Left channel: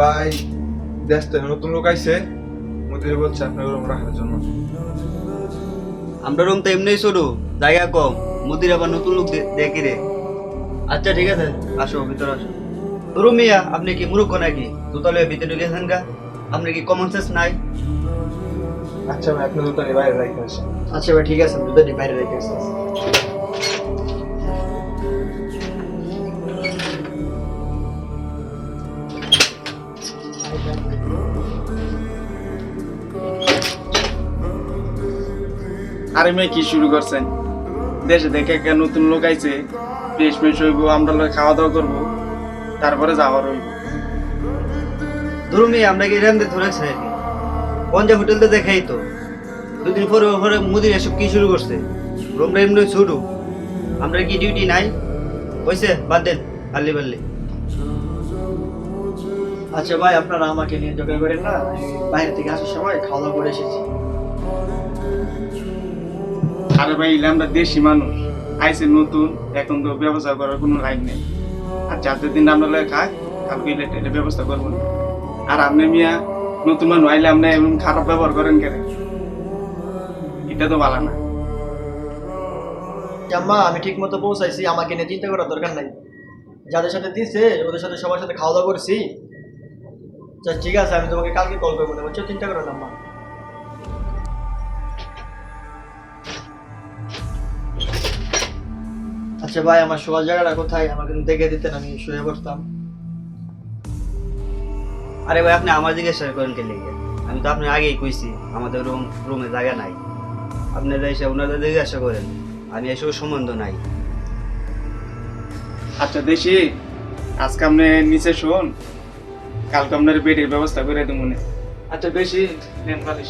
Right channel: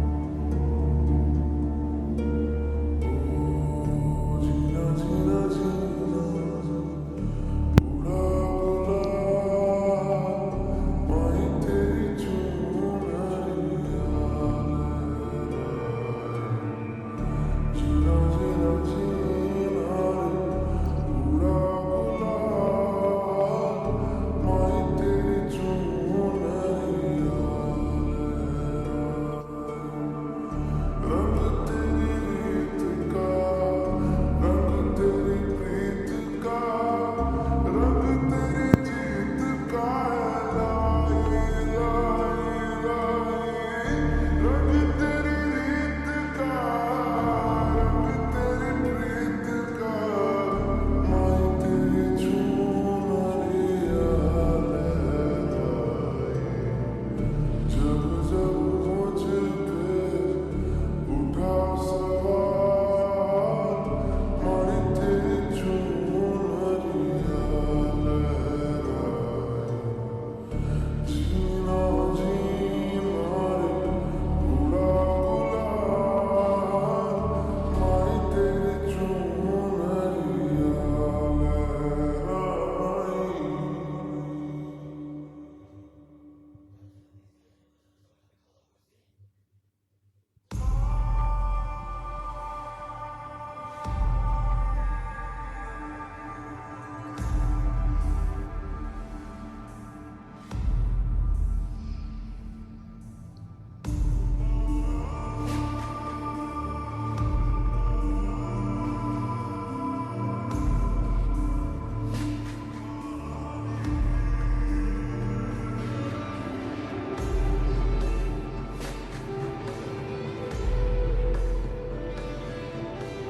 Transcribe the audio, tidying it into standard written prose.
ভাই দেশ থেকে নতুন লোক আইছে, মুদিরে বলছে আপনার রুম রাখার জন্য। আমরা রুম তো এমনিই শুরু, জায়গা কম, মুদির আবার নতুন লোক দেখি রে। আচ্ছা ঠিক আছে, আসো ভিতরে আসো। ধরু মিয়া, আপনি কি মূর্খ নাকি? দুতলে ভিতরে গেছেন গা, আপনি কি কমন সেন্স নাই? আচ্ছা ভাই, আপনি তো বাইরে রাখতে আসেন। আচ্ছা ভাই ঠিক আছে, দুটোটি বাইরে রেখে আসি। আরে মেয়ে কি শুরু করছেন? দেশে দেখে একটা নতুন লোক আইছে, বেশ বেশ হইব, আমরা লোক খাওয়া দাওয়া করবো, তারপরে যাওয়ার হইব। ধরু মিয়া, আমরা কি এরকম ধরেছে পঞ্জা হোটেলতে দেখাই তো দুদিন পরে ওপরে মুদির এসব কি শুরু করছে? রুমটা এমনি শুরু, আমরা কি ডিউটি নাই? হয়েছে, বাদ দেন আল্লি বাল্লি। আচ্ছা ভাই, আপনারা আমাকে নিয়ে জোগাড় করেন না, বাইরে থেকে আসার সময় খাওয়া দাওয়া করে এসেছি। আরে ভাই, এলে আমরা দেশি মানুষ, আইসে নতুন, এখন তো ব্যবস্থা করার কোনো লাইন নেই। আর যাদের দিন আমরা লোক খাই, আপনি এটা ব্যবস্থা করবেন। আর আপনি মিয়া নতুন মানুষ আইলে আপনি এমন খারাপ ব্যবহার করেন কেন? এটা তো ভালো না। আম্মা, আমি ঠিক মতো পৌঁছাইছি, আমাকে নিয়ে চিন্তা করার দরকার নাই। যাদের সাথে দিছে ওদের সাথে সবার সাথে খাওয়া দাওয়া করেছি। আচ্ছা ঠিক আছে, আমি তোমাকে কালকে কল করবো না, বুঝছো? চিন্তা করো না আম্মা। আচ্ছা ভাই, আমার শোয়ার জায়গাটা কোথায়? আমাকে দেখে দিতেন, আমি শুয়ে পড়তাম। আরে ভাই, আপনি আমার জিজ্ঞাসা করেন কে লেগে? আমি তো আপনি আগেই কইছি আমাদের রুমে জায়গা নাই। আপনারা এসে ওনাদের জিজ্ঞাসা করেন, আমি এসব সম্বন্ধ নাই। আচ্ছা দেশি, আজকে আপনি নিচে শোন, কালকে আপনার বেডের ব্যবস্থা করে দেবো। আচ্ছা বেশি নেন পালিশ।